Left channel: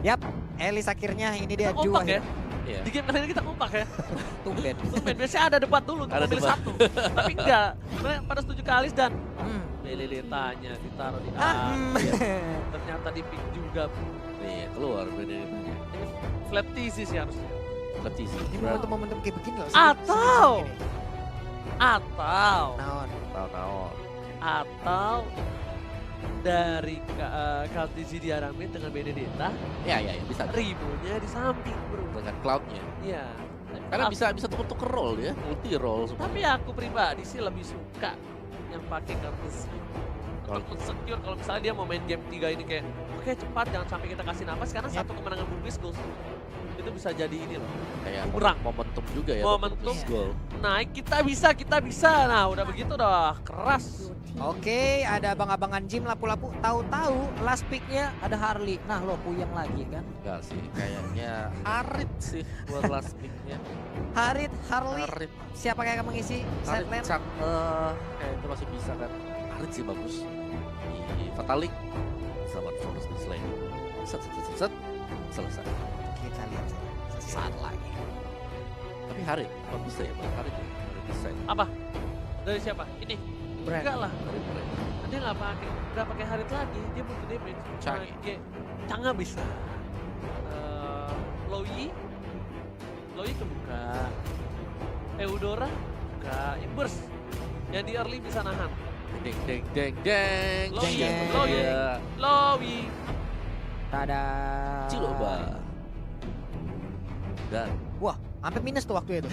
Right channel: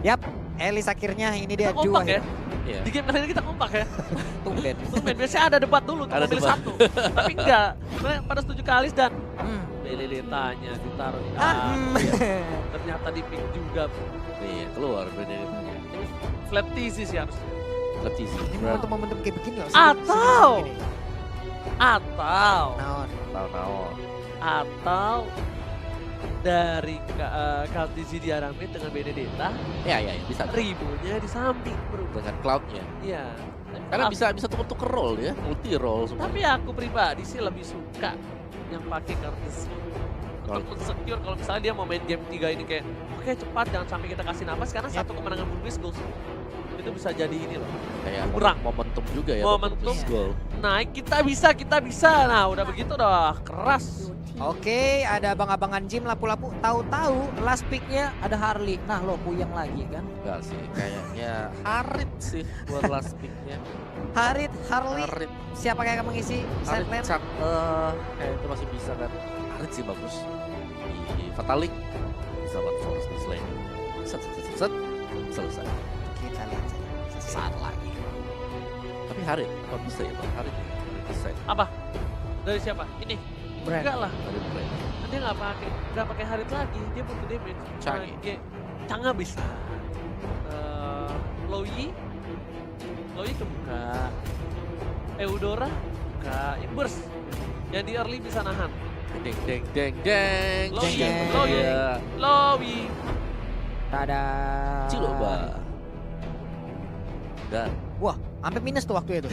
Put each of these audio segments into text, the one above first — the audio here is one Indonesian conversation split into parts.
Yap, Elis akhirnya ini dia Kita kompak ya. Iya. Di game kali ini kita kompak ya. Tumben. Tumben, biasanya ada debat dulu untuk Ada memilih debat. satu. Tapi enggak, sebenarnya pada setuju ke Alis dan Hmm. Lele-letanya ditaruh di Ah, ternyata di pick juga. Nih, keluar Benedetta. Ini flat TC sih harusnya. Letih sih. Ini momentum-momentum kayak begini loh. Atau- sebelum ini. Atau Naon. Tahun-tahun. atau dari Kaltizi di Aramid dengan Benedetta, Ya, bisa. ribunya di samping bro. Dengan cloudnya. Iya. Karena bisa tuker-tuker roll ya, multi roll semua. Tapi aku pribadi sih lebih suka yang pakai Kaltizi. Untuk secure kalau misalnya dia mau main game 3 ini kayak oke cepat jangan sampai kita kasih napas karena satu kemenangan Bulbis goal itu bisa jadi ini loh. Kayak Kurang. momentum juga ya. Momentum. Goal. Naik kita bisa. Nah udah begitu dah keras. Oke, ada abang-abangan gym lapu-lapu. Tahu-tahu last picknya ada Harley. Nah lo puyeng lagi kan. Enggak sih, kayaknya Harit sih buat last pick-nya. Harley, Harit. siapa yang akan mengisi Harit sideline? Chuck, kayak itu masih bisa kan. Harit sih bagus. Di Fatalik bisa banget Forest di Slay. Set, selesai. Kita lihat Saat lagi. Tapi Harit, apa bisa ya Bang? Harit desain. Apa? Dari siapa? Ini? Brand. Enggak lah. Harit brand. Dia nggak pakai Harit lagi. Dia butuh damage. Changi. Canga bisa. Loyi kebuka. Eudora buka. Burst. Yang di early bisa nahan. Deng. Loyi. Jeng. Loyi. Iya. Loyi. Tada. Ciloba. Dan Wah, sampai minus tuh waktu itu.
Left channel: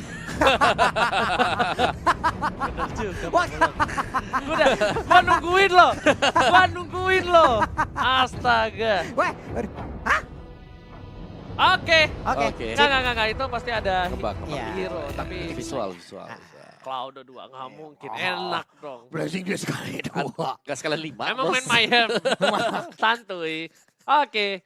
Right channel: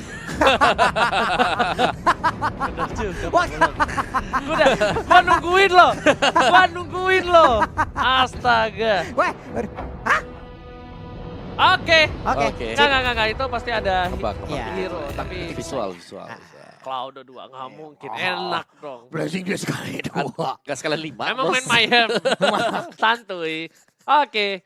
Bener juga. Wah. Gua nungguin lo. Astaga. Wah, Oke. oke. Enggak. Itu pasti ada Kebak. Iya. hero. Tapi Visual. Cloud 2 nggak mungkin. Enak dong. Blessing dia sekali dua. Gak sekalian 5. Emang main Mayhem. Santuy. Oke.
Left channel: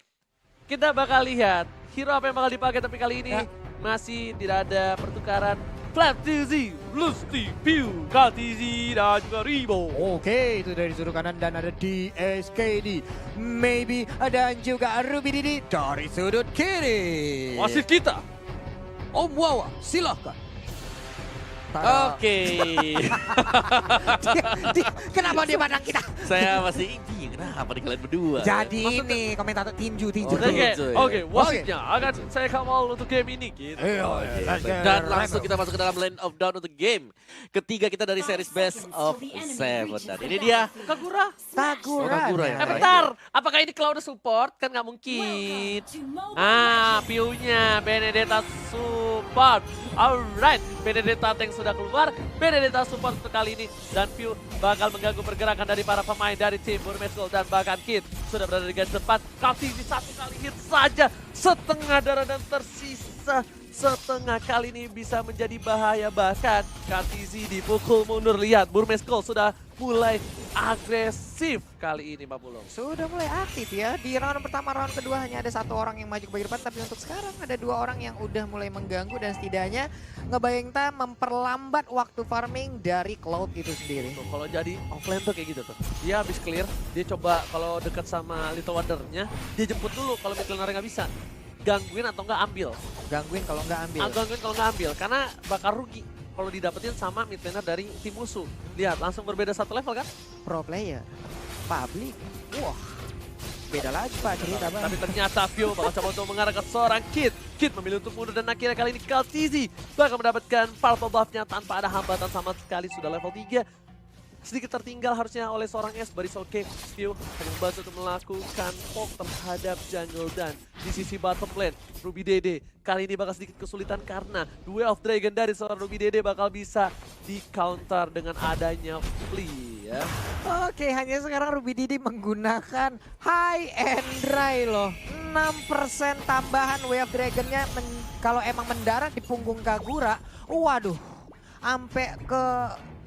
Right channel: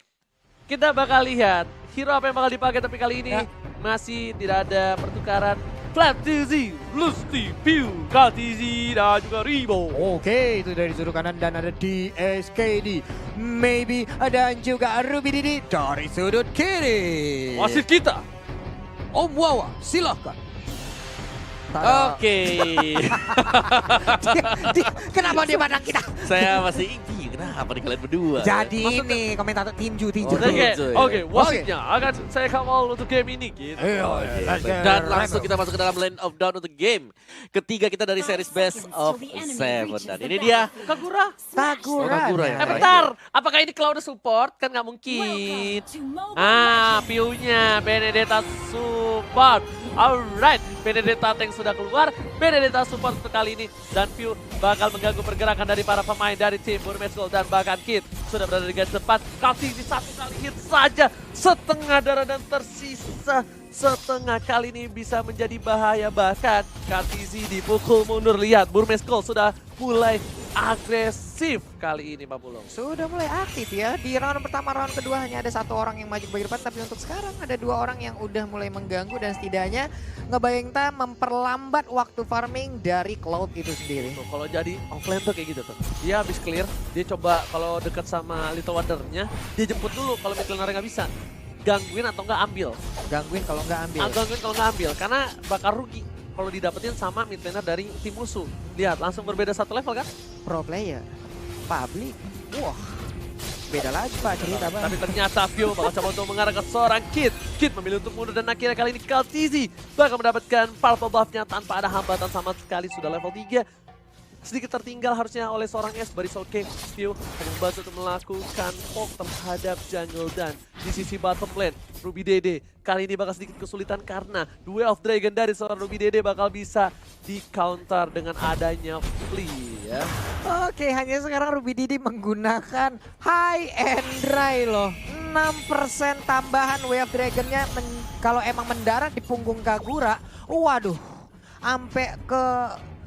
Kita bakal lihat hero apa yang bakal dipakai tapi kali ini Ya. masih tidak ada pertukaran. Flat TZ, Lusty, Pew, KTZ, dan juga Ribo. Oke, itu dari sudut kanan dan ada DSKD. Maybe dan juga Ruby Didi dari sudut kiri. Wasit kita. Om Wawa, silahkan. Tada. Oke. Kenapa dia pandang kita? Saya masih ingin. Kenapa nih kalian berdua? Jadi Maksudnya- ini komentator tinju. Oke, wasitnya akan saya kawal untuk game ini gitu. Dan langsung kita masuk ke dalam Land of Dawn untuk game ketiga kita dari series Best of Seven. Dan ini dia Kagura. Kagura ya. Bentar, apakah ini Cloud support? Kan nggak mungkin. Piunya Benedetta support. Alright, Benedetta tank sudah keluar. Benedetta support untuk kali ini. Dan Piu bakal mengganggu pergerakan dari para pemain dari tim Burmese Gold. Dan bahkan Kid sudah berada di garis depan. Kaltizi satu kali hit saja. Setengah darah dan tersisa setengah kali ini bisa menjadi bahaya. Bahkan Kaltizi dipukul mundur. Lihat, Burmese Gold sudah mulai agresif kali ini Pak Bulong. Sudah mulai aktif ya. Di round pertama, round kedua hanya ada satu orang yang maju ke bagian depan. Tapi untuk sekarang ada dua orang yang udah mulai mengganggu. Dan setidaknya ngebayangin memperlambat waktu farming dari Cloud itu sendiri. Tuh, kalau jadi offline tuh kayak gitu tuh. Dia habis clear, dia coba kalau dekat sama Little Wonder-nya, dia jemput dulu kalau mid laner nggak bisa. Gangguin atau nggak ambil. Gangguin kalau nggak ambil. Gangguin kalau nggak ambil, karena bakal rugi kalau didapetin sama mid laner dari tim musuh. Lihat, langsung berbeda satu level kan? Pro player. Public. Wah. Beda lagi Pak cerita Bang. Tapi ternyata Vio bakal coba untuk mengarah ke seorang Kid. Kid memilih untuk mundur dan akhirnya kali ini Kaltizi bakal mendapatkan purple buff-nya tanpa ada hambatan sama sekali. Sudah level 3. Sedikit tertinggal harusnya oleh seorang S. Baris oke. Vio membantu untuk melakukan poke terhadap jungle dan di sisi bottom lane. Ruby Dede kali ini bakal sedikit kesulitan karena Duel of Dragon dari seorang Ruby Dede bakal bisa di counter dengan adanya Flea ya. Oke, hanya sekarang Ruby Didi menggunakan high and dry loh. 6% tambahan Way of Dragon-nya kalau emang mendarat di punggung Kagura. Waduh, sampai ke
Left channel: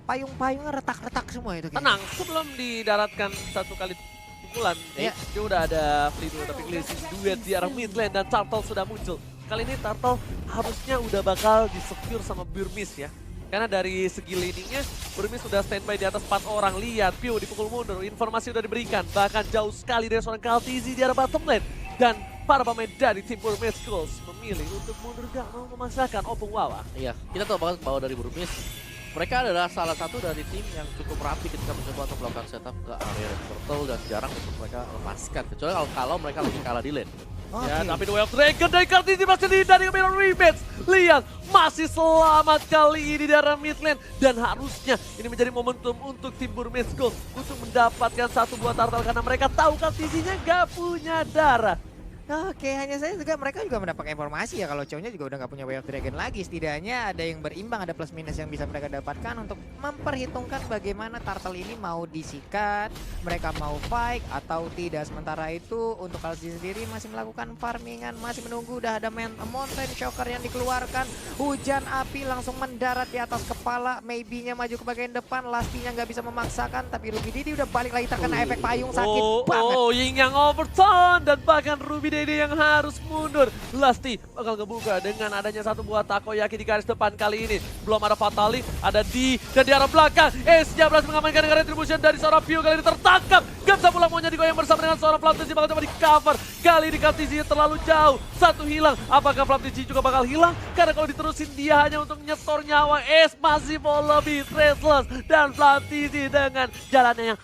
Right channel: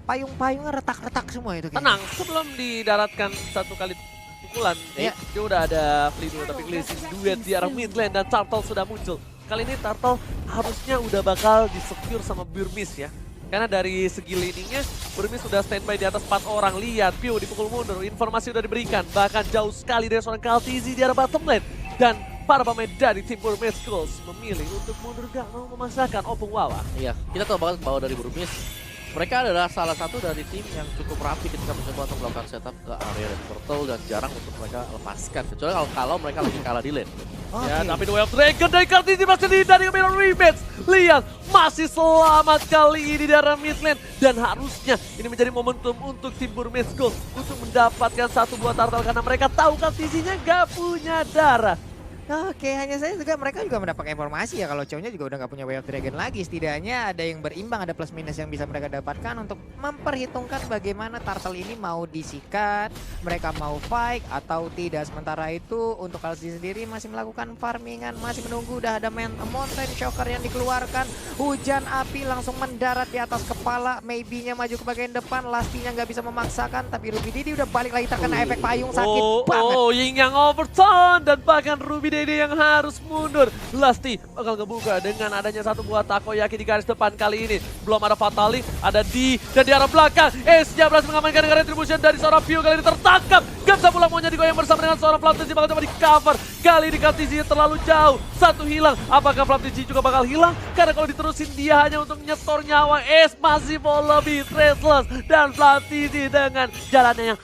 payung-payungnya retak-retak semua itu. Tenang, sebelum didaratkan satu kali pukulan, Iya. dia udah ada Flea dulu, tapi Glazing duet di arah mid lane dan Turtle sudah muncul. Kali ini Turtle harusnya udah bakal di-secure sama Burmese ya. Karena dari segi laningnya, Burmese sudah standby di atas 4 orang. Lihat, Pio dipukul mundur, informasi udah diberikan. Bahkan jauh sekali dari seorang Kaltizi di arah bottom lane. Dan para pemain dari tim Burmese Schools memilih untuk mundur gak mau memaksakan Opung Wawa. Iya, kita tahu banget bahwa dari Burmese mereka adalah salah satu dari tim yang cukup rapi ketika mencoba untuk melakukan setup ke area red turtle dan jarang untuk mereka lepaskan. Kecuali kalau mereka lagi kalah di lane. Ya, tapi Way of Dragon dari Kartini masih dari Mirror Rematch. Lihat, masih selamat kali ini dari mid lane. Dan harusnya ini menjadi momentum untuk tim Burmese Schools untuk mendapatkan satu buah turtle karena mereka tahu Kartisinya gak punya darah. Oke, hanya saya juga mereka juga mendapat informasi ya kalau cowoknya juga udah nggak punya Way of Dragon lagi. Setidaknya ada yang berimbang, ada plus minus yang bisa mereka dapatkan untuk memperhitungkan bagaimana turtle ini mau disikat, mereka mau fight atau tidak. Sementara itu untuk Kalsi sendiri masih melakukan farmingan, masih menunggu. Udah ada mountain shocker yang dikeluarkan, hujan api langsung mendarat di atas kepala. Maybe-nya maju ke bagian depan, Lastinya nggak bisa memaksakan, tapi Ruby Didi udah balik lagi terkena efek payung, sakit banget. Ying yang overturn dan bahkan Ruby Dede yang harus mundur. Lasti bakal ngebuka dengan adanya satu buah takoyaki di garis depan kali ini. Belum ada Fatali, ada di dan di arah belakang. Ace-nya berhasil mengamankan dengan retribution dari seorang Pio kali ini tertangkap. Gak bisa pulang, maunya digoyang bersama dengan seorang Flaptisi bakal coba di cover. Kali ini Kartisi terlalu jauh, satu hilang. Apakah Flaptisi juga bakal hilang? Karena kalau diterusin dia hanya untuk nyetor nyawa. Ace masih mau lebih traceless dan Flaptisi dengan jalannya yang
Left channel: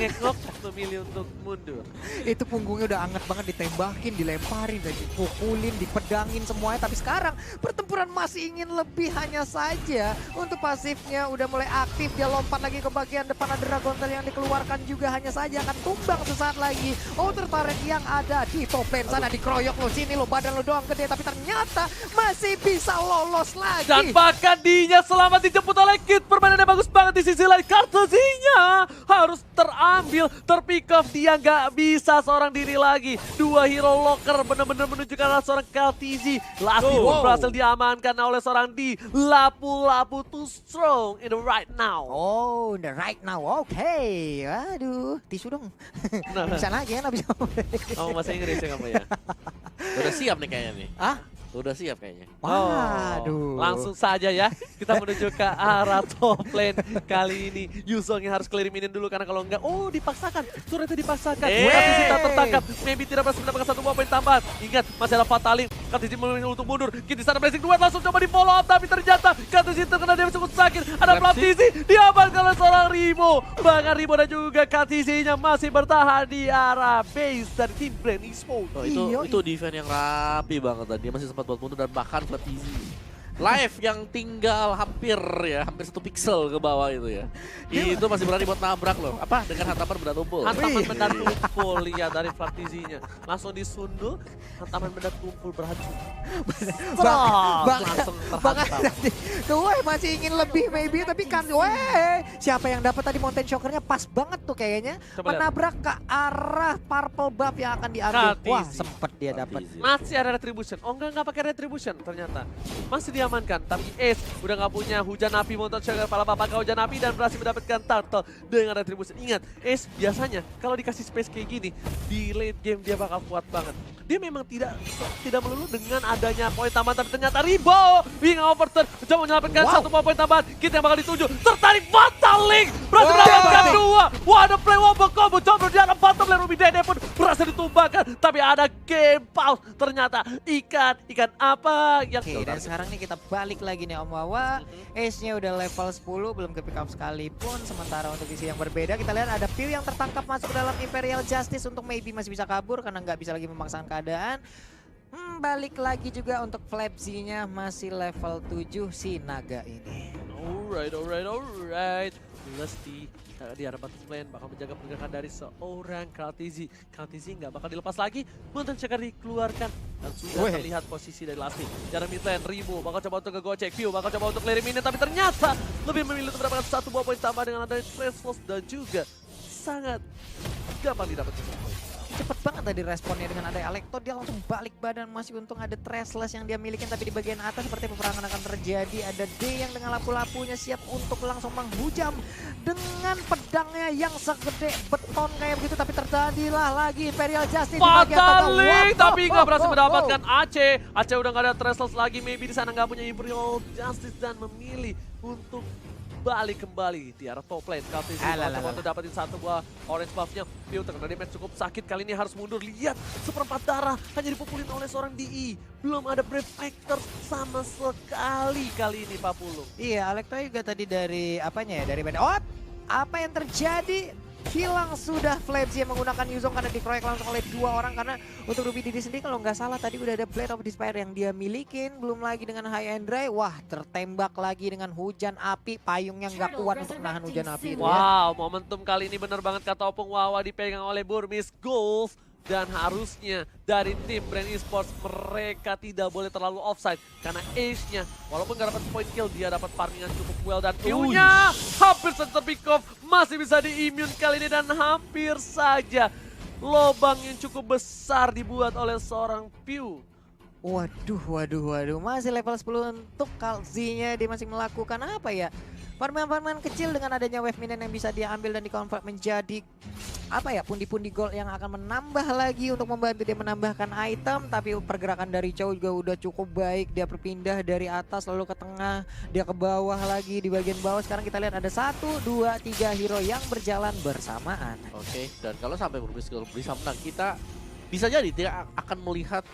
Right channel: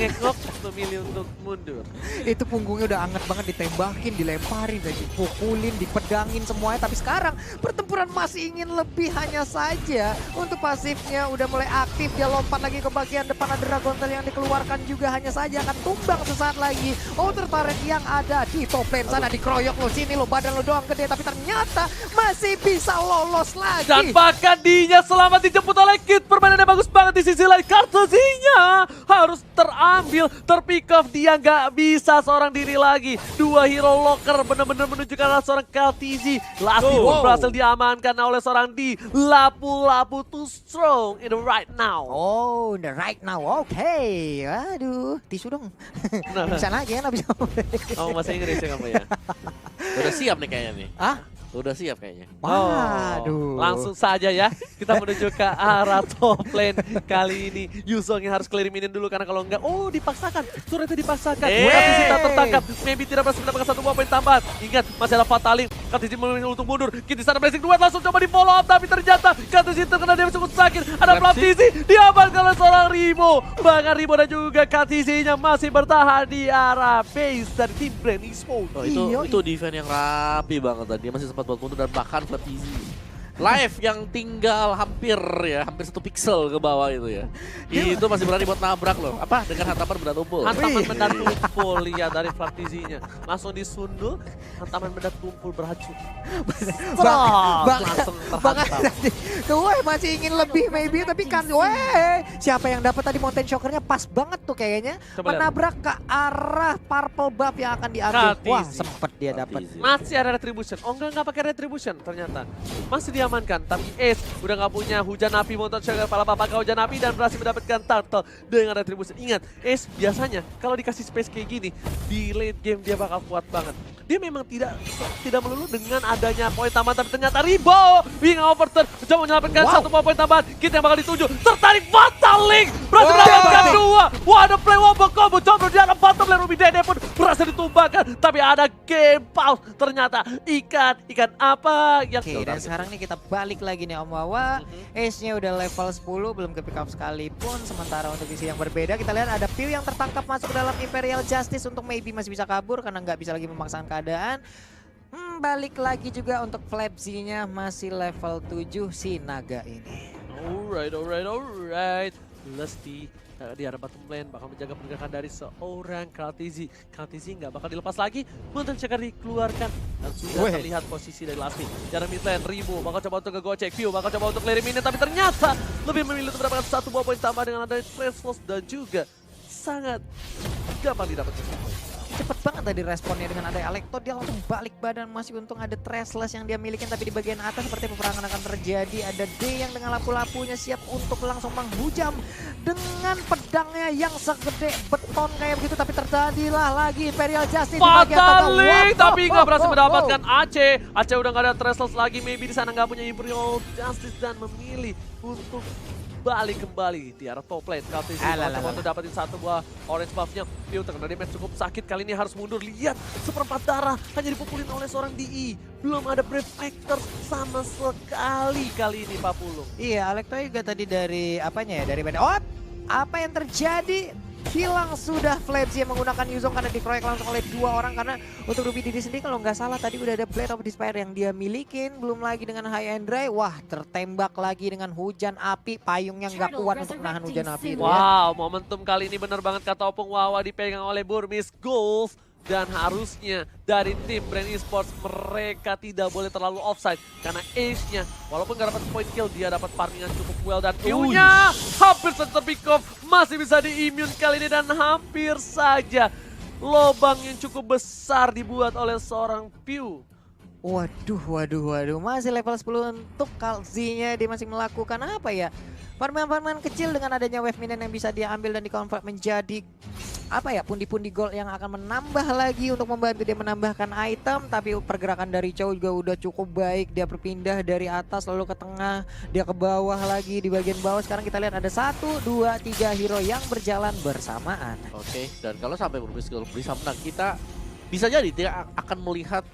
ngekok memilih untuk mundur. Itu punggungnya udah anget banget, ditembakin, dilemparin, dipukulin, dipedangin semuanya. Tapi sekarang pertempuran masih ingin lebih, hanya saja untuk pasifnya udah mulai aktif. Dia lompat lagi ke bagian depan, ada Dragon Tail yang dikeluarkan juga, hanya saja akan tumbang sesaat lagi. Outer turret yang ada di top lane sana dikeroyok lo, sini lo, badan lo doang gede, tapi ternyata masih bisa lolos lagi. Dan bahkan Dinya selamat dijemput oleh Kid. Permainannya bagus banget di sisi lain. Kartusinya harus terambil, terpick off. Dia nggak bisa seorang diri lagi. Dua hero locker benar-benar menunjukkan seorang Kartisi. Lasti berhasil diamankan oleh seorang di Lapu-Lapu too strong in the right now. Oh, the right now, oke. Aduh, tisu dong. Bisa lagi ya, nggak bisa. Kamu bahasa Inggris ya kamu ya? Udah siap nih kayaknya nih. Ah? Udah siap kayaknya. Waduh. Langsung saja ya, kita menuju ke arah top lane kali ini. Yuzong yang harus clear minion dulu karena kalau enggak, dipaksakan. Turretnya dipaksakan. Kartisi tak tertangkap. Maybe tidak berhasil mendapatkan satu buah poin tambahan. Ingat, masih ada Fatali. Kartisi memilih untuk mundur. Kita sana blessing duet langsung coba di follow up, tapi ternyata Kartisi terkena dia cukup sakit. Ada Flaptisi, diamankan oleh seorang Rimo. Bahkan Rimo dan juga Kartisinya masih bertahan di arah base dari tim Brand Esports. Itu defense yang rapi banget tadi. Dia masih sempat buat mundur dan bahkan Flaptisi live yang tinggal hampir 1 pixel ke bawah itu ya. Itu masih berani buat nabrak loh. Apa? Dengan hantaman benda tumpul. Hantaman benda tumpul, lihat dari Flaptisinya. Langsung disundul, hantaman benda tumpul beracun. Langsung terhantam. Tuh, masih ingin lebih maybe, tapi kan siapa yang dapat tadi mountain shockernya pas banget tuh kayaknya. Coba menabrak ke arah purple buff yang akan diambil. Kartisi. Wah, sempet dia dapat. Masih ada retribution. Enggak pakai retribution ternyata. Masih diamankan, tapi Ace udah nggak punya hujan api motor shocker kepala bapak hujan api dan berhasil mendapatkan turtle dengan retribution. Ingat, Ace biasanya kalau dikasih space kayak gini di late game dia bakal kuat banget. Dia memang tidak melulu dengan adanya poin tambahan, tapi ternyata Ribo wing overturn coba menyelamatkan satu poin tambahan. Kita yang bakal dituju, tertarik Fatal Link berhasil mendapatkan dua. Wah, ada play wobble combo, coba di arah bottom lane. Ruby Dede pun berhasil ditumbangkan, tapi ada game pause. Ternyata ikan apa yang Dan sekarang nih kita balik lagi nih Om Wawa. Ace-nya udah level 10, belum ke pick up sekalipun. Sementara untuk isi yang berbeda, kita lihat ada Pew yang tertangkap masuk ke dalam Imperial Justice untuk maybe masih bisa kabur karena nggak bisa lagi memaksakan keadaan. Balik lagi juga untuk Flapsy-nya masih level 7 si naga ini. Alright. Lasti di arah bottom lane bakal menjaga pergerakan dari seorang Kartisi. Kartisi nggak bakal dilepas lagi. Mountain Checker dikeluarkan dan sudah terlihat posisi dari Lasti. Jalan mid lane, Rimo bakal coba untuk ngegocek, View bakal coba untuk clear minion, tapi ternyata lebih memilih untuk mendapatkan satu buah poin tambah dengan adanya Traceless dan juga sangat gampang didapatkan satu poin. Cepet banget tadi responnya dengan ada Alekto, dia langsung balik badan. Masih untung ada Traceless yang dia miliki, tapi di bagian atas seperti peperangan akan terjadi. Ada D yang dengan lapu-lapunya siap untuk langsung menghujam dengan pedangnya yang segede beton kayak begitu, tapi terjadilah lagi Imperial Justice di bagian Fatal tengah. Link, tapi nggak berhasil mendapatkan Aceh. Aceh udah nggak ada Traceless lagi, maybe di sana nggak punya Imperial Justice dan memilih untuk balik kembali di arah top lane. Kaltisi coba untuk dapetin satu buah orange buff-nya. Piu terkena damage cukup sakit, kali ini harus mundur. Lihat, seperempat darah hanya dipukulin oleh seorang DI. Belum ada Brave Factor sama sekali kali ini Pak Pulung. Iya, Alekto juga tadi dari apanya ya, dari oh, apa yang terjadi? Hilang sudah Flaps yang menggunakan Yuzong karena dikeroyok langsung oleh 2 orang. Karena untuk Ruby Didi sendiri kalau nggak salah tadi udah ada Blade of Despair yang dia milikin. Belum lagi dengan High and Dry, wah tertembak lagi dengan hujan api. Payungnya nggak kuat untuk nahan hujan api itu ya. Wow, momentum kali ini bener banget kata Opung Wawa, dipegang oleh Burmis Golf. Dan harusnya dari tim Brand Esports mereka tidak boleh terlalu offside. Karena Ace-nya walaupun gak dapat point kill, dia dapat farming yang cukup well. Dan Piu-nya hampir saja pick off, masih bisa di-immune kali ini. Dan hampir saja lobang yang cukup besar dibuat oleh seorang Piu. Waduh. Masih level 10 untuk Kalzinya. Dia masih melakukan apa ya? Farman-farman kecil dengan adanya wave minion yang bisa dia ambil dan di-convert menjadi apa ya, pundi-pundi gold yang akan menambah lagi untuk membantu dia menambahkan item. Tapi pergerakan dari Chow juga udah cukup baik. Dia berpindah dari atas lalu ke tengah, dia ke bawah lagi. Di bagian bawah sekarang kita lihat ada 1, 2, 3 hero yang berjalan bersamaan. Oke, dan kalau sampai Burmis Gold bisa menang, kita bisa jadi tidak akan melihat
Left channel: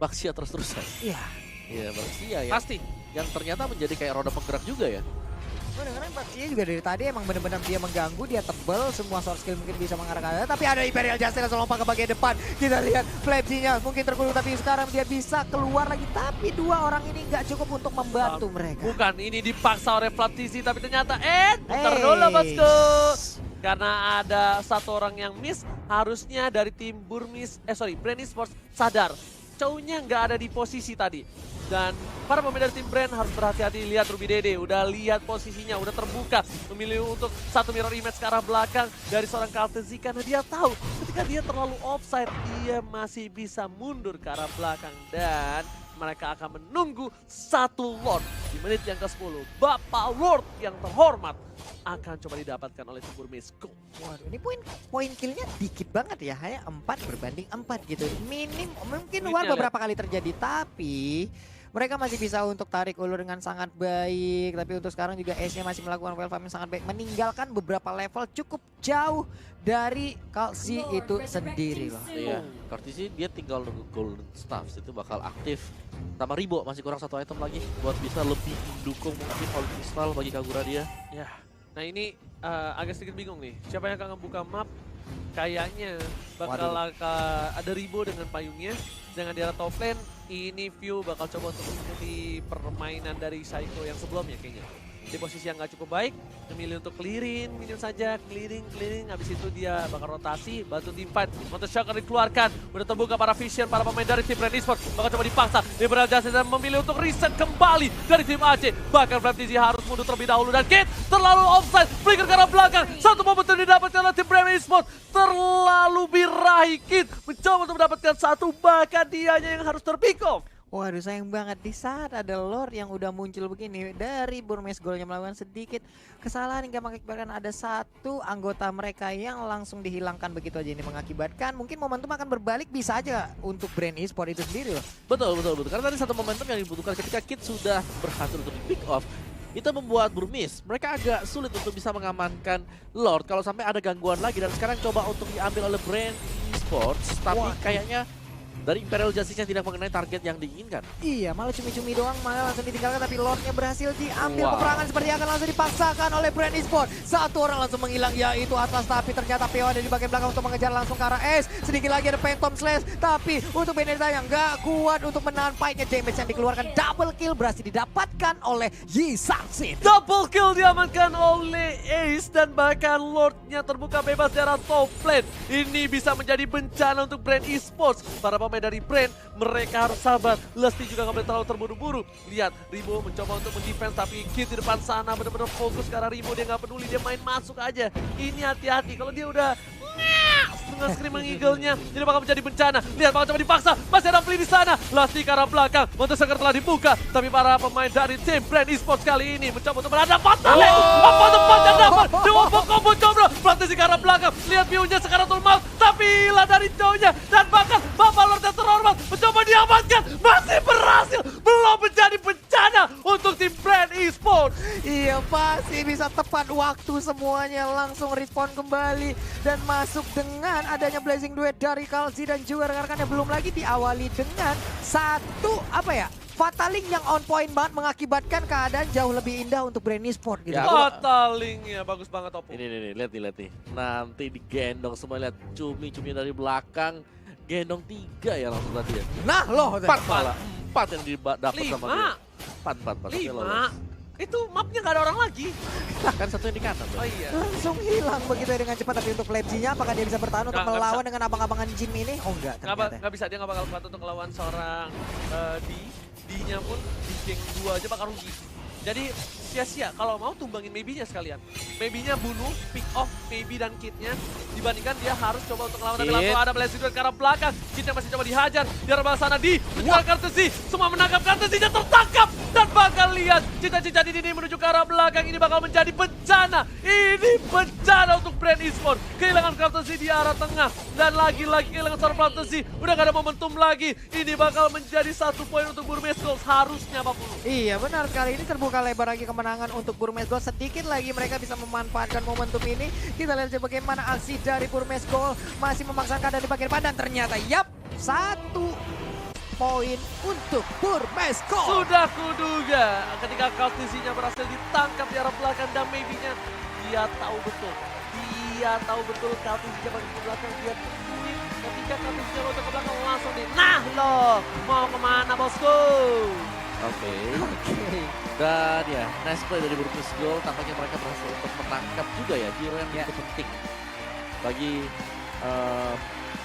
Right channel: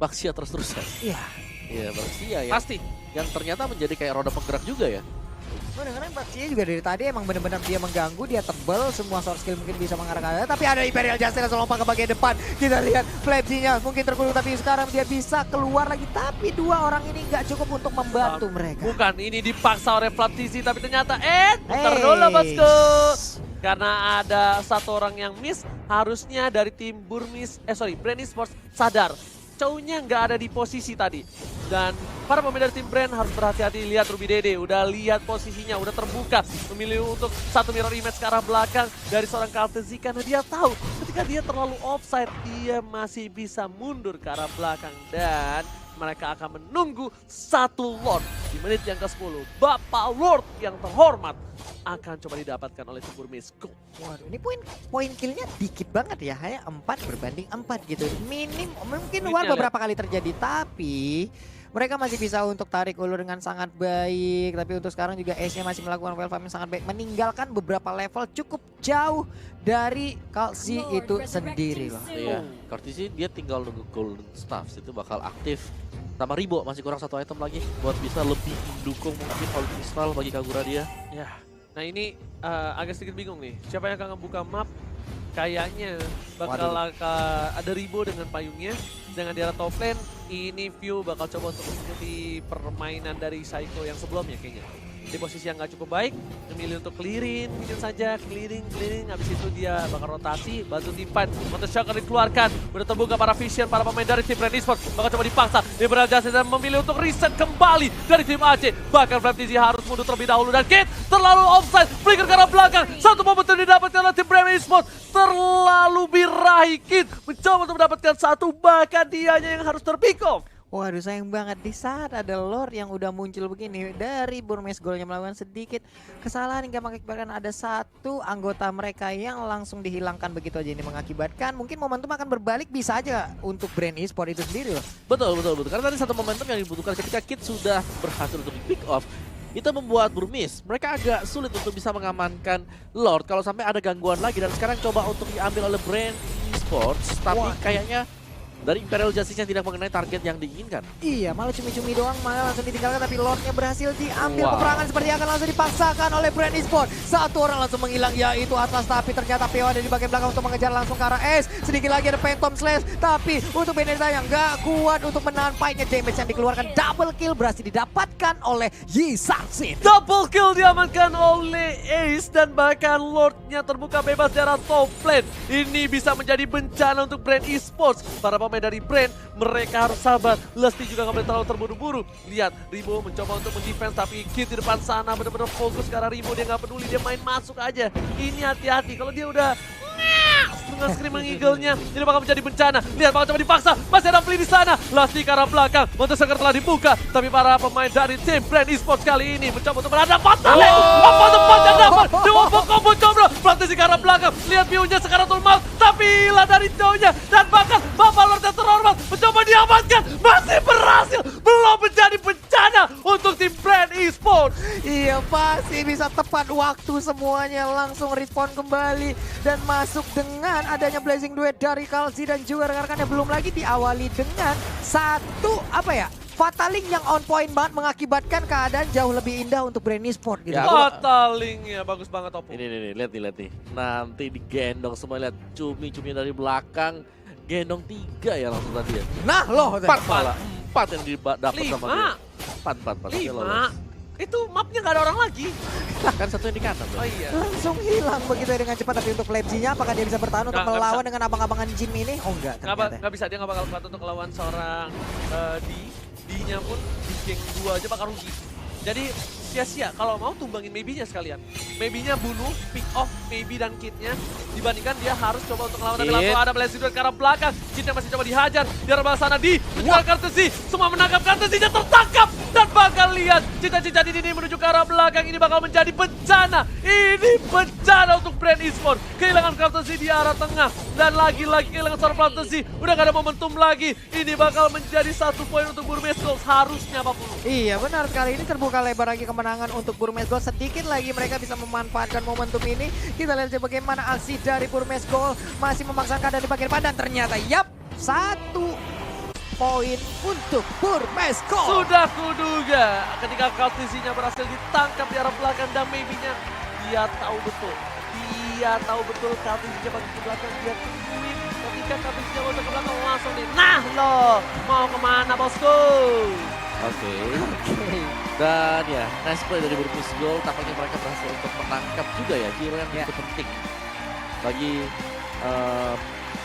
Baxia terus-terusan. Iya. Iya, Baxia ya. Pasti. Yang ternyata menjadi kayak roda penggerak juga ya. Karena Baxia juga dari tadi emang benar-benar dia mengganggu, dia tebel, semua source skill mungkin bisa mengarah ke arah. Tapi ada Imperial Justice yang lompat ke bagian depan. Kita lihat Flapsy-nya mungkin terkurung, tapi sekarang dia bisa keluar lagi. Tapi 2 orang ini nggak cukup untuk membantu mereka. Bukan, ini dipaksa oleh Flapsy, tapi ternyata bentar dulu bosku. Karena ada 1 orang yang miss, harusnya dari tim Brand Esports sadar. Chow-nya nggak ada di posisi tadi. Dan para pemain dari tim Brand harus berhati-hati. Lihat Ruby Dede, udah lihat posisinya, udah terbuka. Memilih untuk 1 mirror image ke arah belakang dari seorang Kaltezi. Karena dia tahu ketika dia terlalu offside, dia masih bisa mundur ke arah belakang. Dan mereka akan menunggu 1 Lord di menit yang ke-10. Bapak Lord yang terhormat akan coba didapatkan oleh tim Burmis. Waduh, ini poin killnya dikit banget ya, hanya 4 berbanding 4 gitu. Minim, mungkin luar beberapa kali terjadi, tapi mereka masih bisa untuk tarik ulur dengan sangat baik. Tapi untuk sekarang juga Ace-nya masih melakukan well farming sangat baik, meninggalkan beberapa level cukup jauh dari Kalzi itu sendiri loh. Iya, Kalzi dia tinggal nunggu Golden Staff, itu bakal aktif. Tambah Ribo masih kurang 1 item lagi buat bisa lebih mendukung mungkin Holy Crystal bagi Kagura dia. Ya, nah ini agak sedikit bingung nih. Siapa yang akan ngebuka map? Kayaknya bakal ada Ribo dengan payungnya. Dengan di arah top lane, ini View bakal coba untuk mengikuti permainan dari Psycho yang sebelumnya kayaknya. Di posisi yang gak cukup baik, memilih untuk clearin mungkin saja, clearing, habis itu dia bakal rotasi, bantu tim fight. Counter shock akan dikeluarkan, udah terbuka para vision, para pemain dari tim Brand Esports, bakal coba dipaksa, Imperial Justice dan memilih untuk reset kembali dari tim AC. Bahkan Flapsy harus mundur terlebih dahulu dan Kit terlalu offside, flicker ke arah belakang, 1 momentum didapatkan oleh tim Brand Esports, terlalu birahi Kit, mencoba untuk mendapatkan 1, bahkan dianya yang harus terpick off. Waduh, sayang banget di saat ada Lord yang udah muncul begini dari Burmes Gold yang melakukan sedikit kesalahan hingga mengakibatkan ada 1 anggota mereka yang langsung dihilangkan begitu aja. Ini mengakibatkan mungkin momentum akan berbalik bisa aja untuk Brand Esports itu sendiri loh. Betul. Karena tadi 1 momentum yang dibutuhkan ketika Kit sudah berhasil untuk pick off, itu membuat Burmis mereka agak sulit untuk bisa mengamankan Lord kalau sampai ada gangguan lagi. Dan sekarang coba untuk diambil oleh Brand Esports, tapi kayaknya dari Imperial Justice-nya tidak mengenai target yang diinginkan. Iya, malah cumi-cumi doang, malah langsung ditinggalkan, tapi Lordnya berhasil diambil. Peperangan seperti akan langsung dipaksakan oleh Brand Esports. 1 orang langsung menghilang, yaitu Atlas, tapi ternyata PO ada di bagian belakang untuk mengejar langsung ke arah S. Sedikit lagi ada Phantom Slash, tapi untuk Benedetta yang gak kuat untuk menahan fight-nya. Damage yang dikeluarkan, double kill berhasil didapatkan oleh Yi Sang-sin. Double kill diamankan oleh Ace dan bahkan Lordnya terbuka bebas di arah top lane. Ini bisa menjadi bencana untuk Brand Esports. Para pemain dari Brand, mereka harus sabar. Lesti juga gak boleh terlalu terburu-buru. Lihat, Ribo mencoba untuk mendefense, tapi Kit di depan sana benar-benar fokus karena Ribo dia gak peduli, dia main masuk aja. Ini hati-hati, kalau dia udah dengan screaming eagle-nya, ini bakal menjadi bencana. Lihat, bakal coba dipaksa, masih ada Flea di sana. Lesti ke arah belakang, Monster Sucker telah dibuka, tapi para pemain dari tim Brand Esports kali ini mencoba untuk berhadapan. Apa tempat yang dapat? Dewa Combo coba, Flea ke arah belakang. Lihat view-nya sekarang tulmal, tapi hilang dari jauhnya. Dan bahkan Bapak Lord yang terhormat mencoba diamankan, masih berhasil, belum menjadi bencana. bencana untuk tim Brand Esports. Iya pasti bisa tepat waktu semuanya langsung respon kembali dan masuk dengan adanya blazing duet dari Kalsi dan juga rekan-rekannya. Belum lagi diawali dengan satu Fataling yang on point banget mengakibatkan keadaan jauh lebih indah untuk Brand Esports gitu. Ya, Batalingnya bagus banget Oppo. Ini lihat nih. Nanti digendong semua, lihat cumi-cumi dari belakang. Gendong 3 ya langsung tadi ya. Nah loh. 4 malah. 4 yang didapat sama dia. 4. 5. Itu mapnya nggak ada orang lagi. Kan satu yang di kanan. Oh iya. Langsung hilang begitu ya dengan cepat. Tapi untuk Lebji-nya apakah dia bisa bertahan untuk Nggak melawan bisa. dengan abang-abangan Jin ini? Oh enggak ternyata. Nggak bisa, dia nggak bakal kuat untuk melawan seorang D-nya pun di geng 2 aja bakal rugi. Jadi sia-sia kalau mau tumbangin maybe-nya sekalian. Maybe-nya bunuh, pick off maybe dan Kid-nya. Dibandingkan dia harus coba untuk melawan tapi Kid. langsung ada blazing duet ke arah belakang. Kid-nya masih coba dihajar. Di arah sana di menjual Kartusi. Semua menangkap Kartusinya tertangkap. Dan bakal lihat cita-cita ini menuju ke arah belakang. Ini bakal menjadi bencana. Ini bencana untuk Brand Esports. Kehilangan Kartusi di arah tengah. Dan lagi-lagi kehilangan seorang Kartusi. Udah gak ada momentum lagi. Ini bakal menjadi 1 poin untuk Burmese Gold. Harusnya apapun. Iya benar sekali, ini terbuka lebar lagi kemenangan untuk Burmese Gold. Sedikit lagi mereka bisa memanfaatkan momentum ini. Kita lihat saja bagaimana aksi dari Burmese Gold masih memaksakan keadaan di bagian depan dan ternyata 1 poin untuk Burmese Gold. Sudah kuduga ketika Kartusinya berhasil ditangkap di arah belakang dan maybe-nya dia tahu betul. Dia tahu betul Kartusinya bagi ke belakang, dia tungguin ketika Kartusinya mau ke belakang langsung nih. Nah loh, mau kemana bosku? Oke. Dan ya, nice play dari Burmese Gold. Tampaknya mereka berhasil untuk menangkap juga ya hero yang begitu penting bagi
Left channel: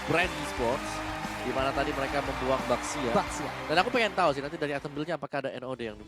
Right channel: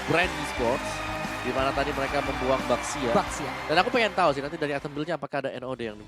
Brand Esports. Di mana tadi mereka membuang Baxia. Baxia. Dan aku pengen tahu sih nanti dari item build-nya apakah ada NOD yang